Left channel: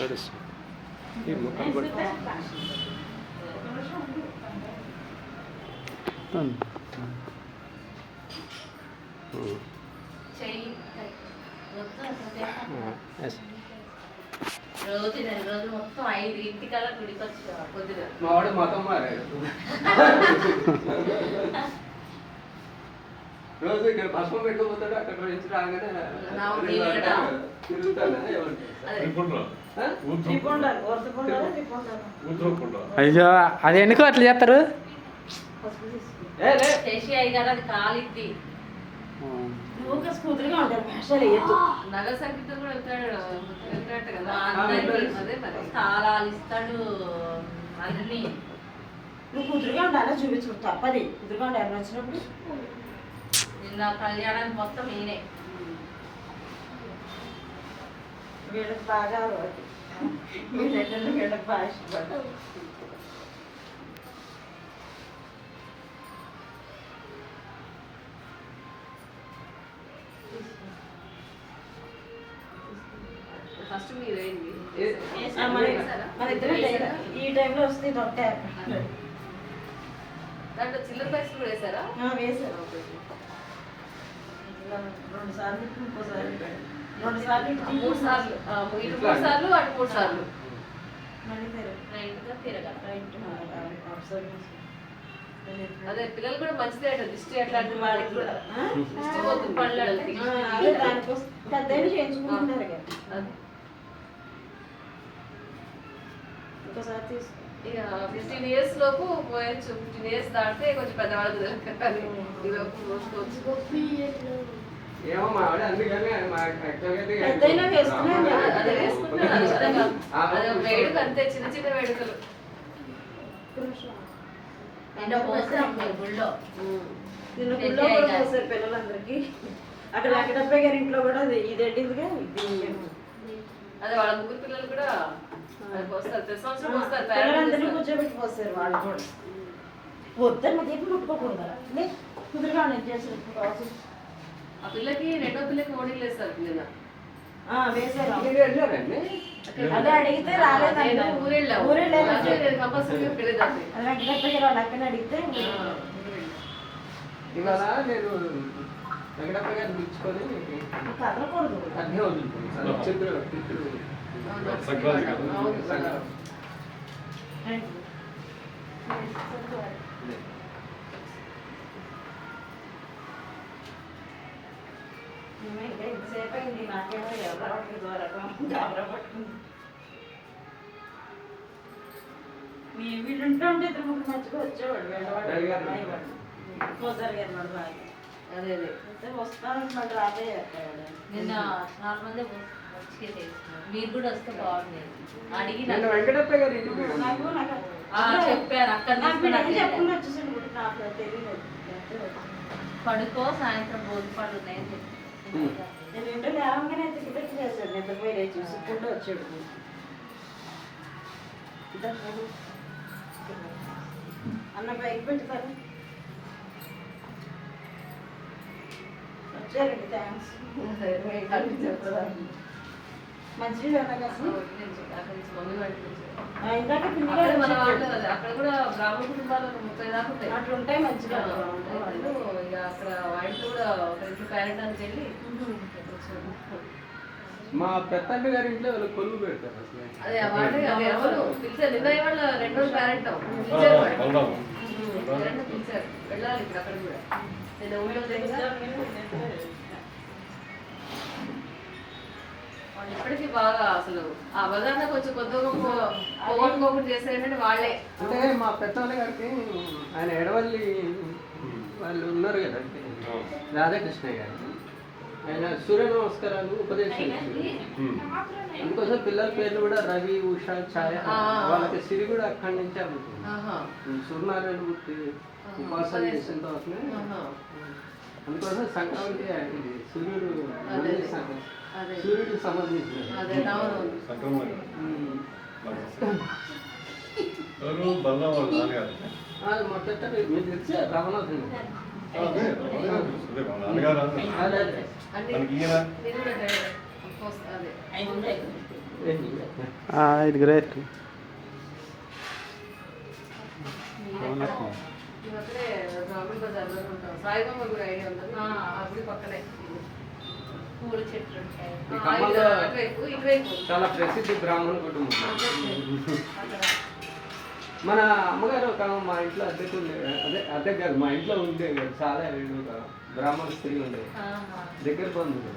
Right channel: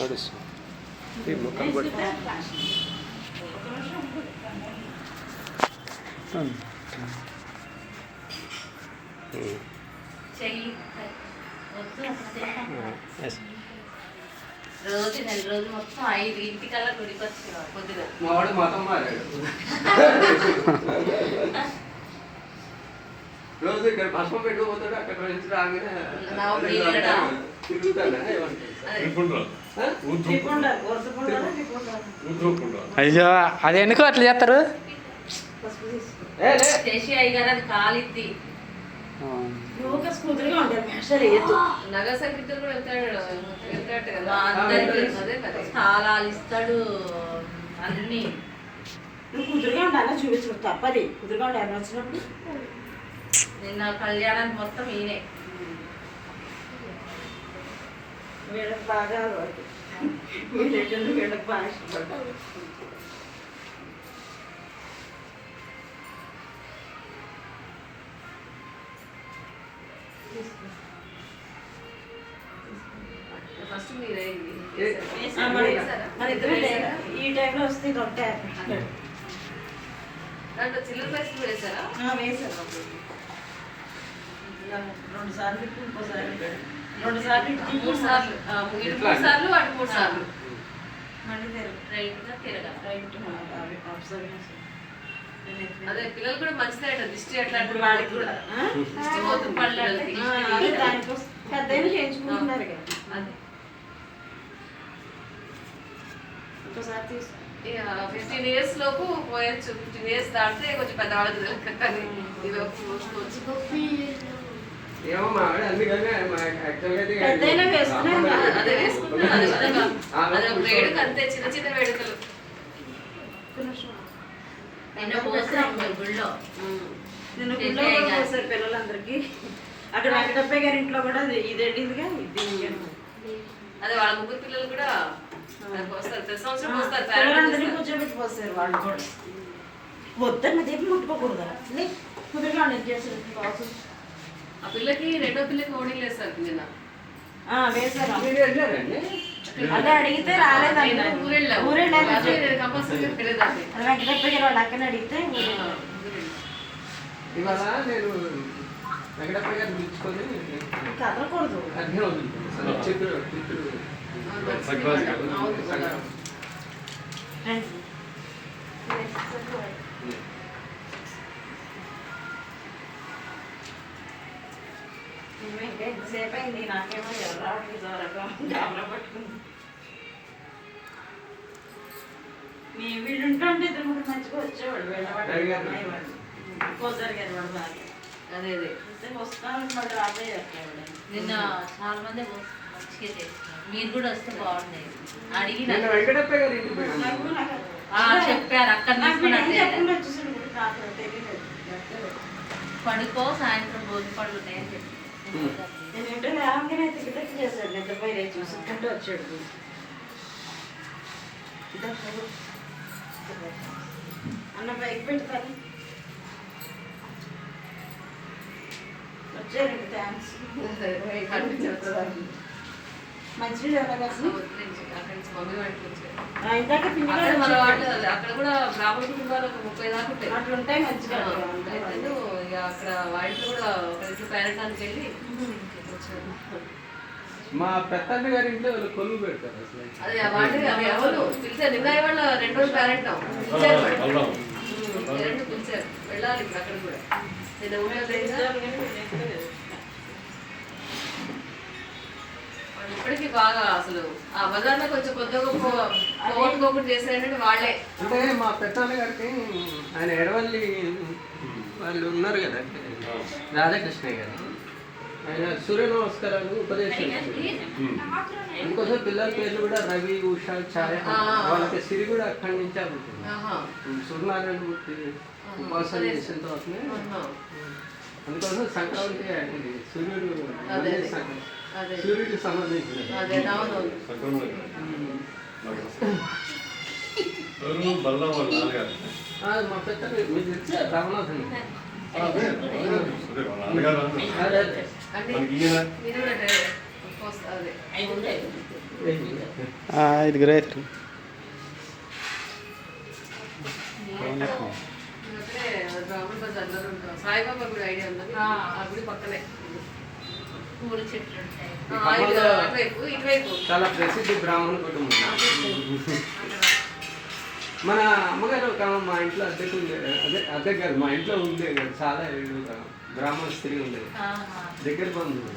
నడుస్తుంది ఈ ముక్కలు పట్టి రోజు నెల రోజు మొత్తం 5 గుడికి వచ్చి పొద్దున మావాడు మతం మారాడు రోజు ఇక్కడ భస్మం పెట్టుకోపోతాడు అక్కడ నుంచి రాగానే అయ్యో అది ఎందుకు అట్లా చేస్తారు చేసి అయ్యారు అది కాలిద్ది నగ సంగీతం కూడా వెళ్తాడు కదా అందరికి స్థానాలు ఇస్తాడు అన్ని నువ్వు కుదురుగా ఉండాలా చూపించు తప్పది కుదురుగా ఉండాలి వచ్చినప్పుడు నిన్న కళ్యాణానికి మొత్తం ఈయనే వీళ్ళకి బాగా వీళ్ళెట్టండి వీళ్ళకి బాగా ఇష్టపడ్డారు ఫస్ట్ మీరే మన ఇద్దరు ఈ టైంలో వస్తే రొట్టె దాంట్లో చిల్లర పైసలు కూడా వేసారా? వేసారు 2 సార్లు ఇంకోసారి 2 సార్లు 3 సార్లు 3 సార్లు అటు 3 సార్లు మళ్ళీ రైట్గా తిరగాలి. రైట్ అదే పిల్లలు కూడా మంచిదే దిష్టి అట్లా ఇప్పుడు వాళ్ళకి కూడా దిష్టి పోతుంది పళ్ళు అదే దానికోసం పెద్దయినా చేయించుకుంటున్నారు కదా ఇంకోసారి తీసుకు 15 years లోపు పోయొచ్చు. 15 years దాటితే కొంచెం పెద్దవాళ్ళకి ఏమో మావాడు అందుకనే పెద్దయినా వేసుకున్నాం అదే వేసుకుంటాను వేడుక అంతే చిన్న చిన్న వేడుకలు. నిన్న పోసాం గుళ్ళో నిన్న గుళ్ళో కూడా పోసారు పిల్లలందరికీ. అక్కడ వెంకటప్పయ్య గారి ఇంట్లో కూడా ఇదేంటిదిగా అదే వాళ్ళ 3 పిల్లలు కూడా పోస్తారు. ప్రతి సంవత్సరం పోస్తారు. పిల్లలందరినీ కూర్చోబెట్టి పోస్తారు వాళ్ళు కూడా. వద్దన్న చెప్పి ముట్టుకోకూడదు కుదురుగా నేను చేస్తారు. ఆ పిల్లకి రెండో పిల్లకి ఓడి వేస్తారు నిన్న వేసారు. వెళ్ళారండి అదే అడిగితే రాలేదండి కంపల్సరీ వెళ్ళేదాన్ని. అది వెంకటప్పయ్య గారు వాళ్ళు అక్కని అడిగితే ఇవాళ నేను వెంకటప్ప గారిని పిలుచుకొని కదలకూడదు అగ్ని వదులుతున్నాను చిత్తులు ఎంతసేపు అయింది నాకేమో రావట్లేదు కెమెరా పట్టుకుంది. మీ వీళ్ళు ఉంటుంటే 2 మంచిగా వచ్చేవాడు వెళ్ళవాడు పోసారు గారు వాడు బాగా అదే అదే వస్తాను మళ్ళీ రాబోయే నిన్న చాలా మంది మంచిగా చేస్తున్నారు. మీరు కూడా వస్తే బాగుండేది. అడిగి నేను వెంకటప్ప గారి ఇంటికి పోయాను. చెప్పారు అక్కడ వచ్చేసాను పడుకో సాయంత్రం రోజు పళ్ళు ఉన్నాయని చెప్పి నేను ఇంట్లో రాగానే టికెట్ చేశాడు. నిద్రపోయి రేపు చూసుకుంటూ వచ్చాడు. అన్న బైక్ పెట్టుతారు వచ్చారండి. థ్యాంక్స్. మంచిగా ఇందాక అక్కడ కూడా బ్రాహ్మణ కుటుంబాలు 30 దాకా ఉంటాయి. అట్లా ఉంటాయి మంచిగా అక్కడ వాటిలో కూడా ఒక పేరెంటానికి వెళ్ళి మా పెద్దన్న గారి ఇంట్లో కొలువు పెడతారు. అదే వాటి అది ఎవరు పిలిచారు. నిమ్మయ్య వాళ్ళ 2 రోజులు పేరెంట్ పిలిచారు. వాడు పిలిచారు వెళ్ళాలి ఇప్పుడు అక్కడ కూడా. నేను ఊళ్ళో ఇప్పటికీ బాగా అసలు ఆ బజార్లో కొంచెం కొద్దిగా పోగొట్టుకోకుండా చేశారంటే వాళ్ళే. అంటే మా పెద్దన్న గారికి ఆయన ఎడవల్లి వాళ్ళు ఉన్నారు కదా రాధాకృష్ణయ్య గారు, ఆయన సూర్య నమస్కారాలు ఉపదేశం. అందుకోసం పిల్లల పేర్లు కూడా రవి, ఉషా, ఛాయ. వాళ్ళకి సిరి కూడా అక్కడి నుంచే అవుతుంది. సూర్యనారాయణ మూర్తి ఉపాసన చేసిన తర్వాతనే. అందుకోసం సంక్రాంతి ఇది సూర్యుడు సూర్యుడికి సంబంధించిన మా పెద్ద మీకు తెలిసే రామనాథన్. ఐదుగురు అవుతారు. అక్కడే రాముడు బజార్లో ఉంటాం. సాయిబాబా గుడి ఐడియా ఉన్నది. ఆ గుడి పక్కనే. పూల చెట్లు ఉంటాయి. అటువైపు ఇటువైపు చాలా ప్రసిద్ధి బ్రాహ్మణ కుటుంబం. మన అమ్మగారు ఒక ఆమె మా ఇంట్లో అద్దెకు ఉండేది. అద్దె గారు మా ఇంట్లో ఉండేది కదా, చాలా ఏళ్ళు బ్రాహ్మణ స్త్రీ ఉండేది, దగ్గర బంధువు.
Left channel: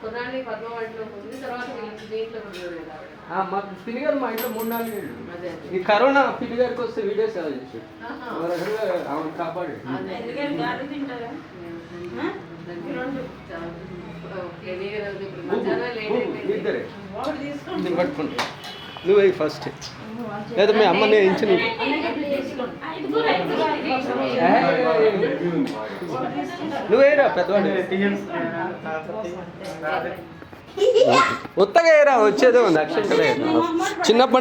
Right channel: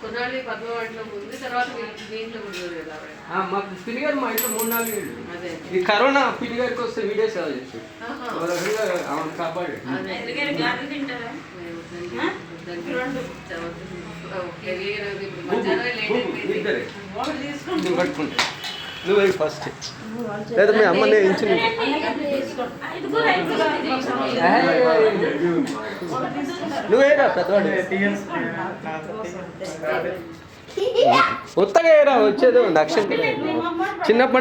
కొన్నాళ్ళు పద్మవాటిలో ఉంది, తర్వాత మీ ఇంట్లో కూడా చూడలేదు ఆవిడ. మా పిన్ని గారు మా ఇంట్లో 3-4 ఏళ్ళు. అదే ఈ కరోనా పిన్ని గారికి వస్తే వీడియో సేవ చేసాడు. ఆహా. ఒక రకంగా ఆమెను కాపాడాడు. అదే ఎందుకని గాలి తింటారా? ఇద్దరే ఒకటి తీసుకోండి. నేను పట్టుకుంటా. నువ్వు అవి ఫస్ట్ లేదా మీ అమ్మని ఇచ్చిన నువ్వేరా పెద్దవాడు ఉత్తగా ఏరా వచ్చేది ఉంది అక్షంతలే చిన్నప్పటి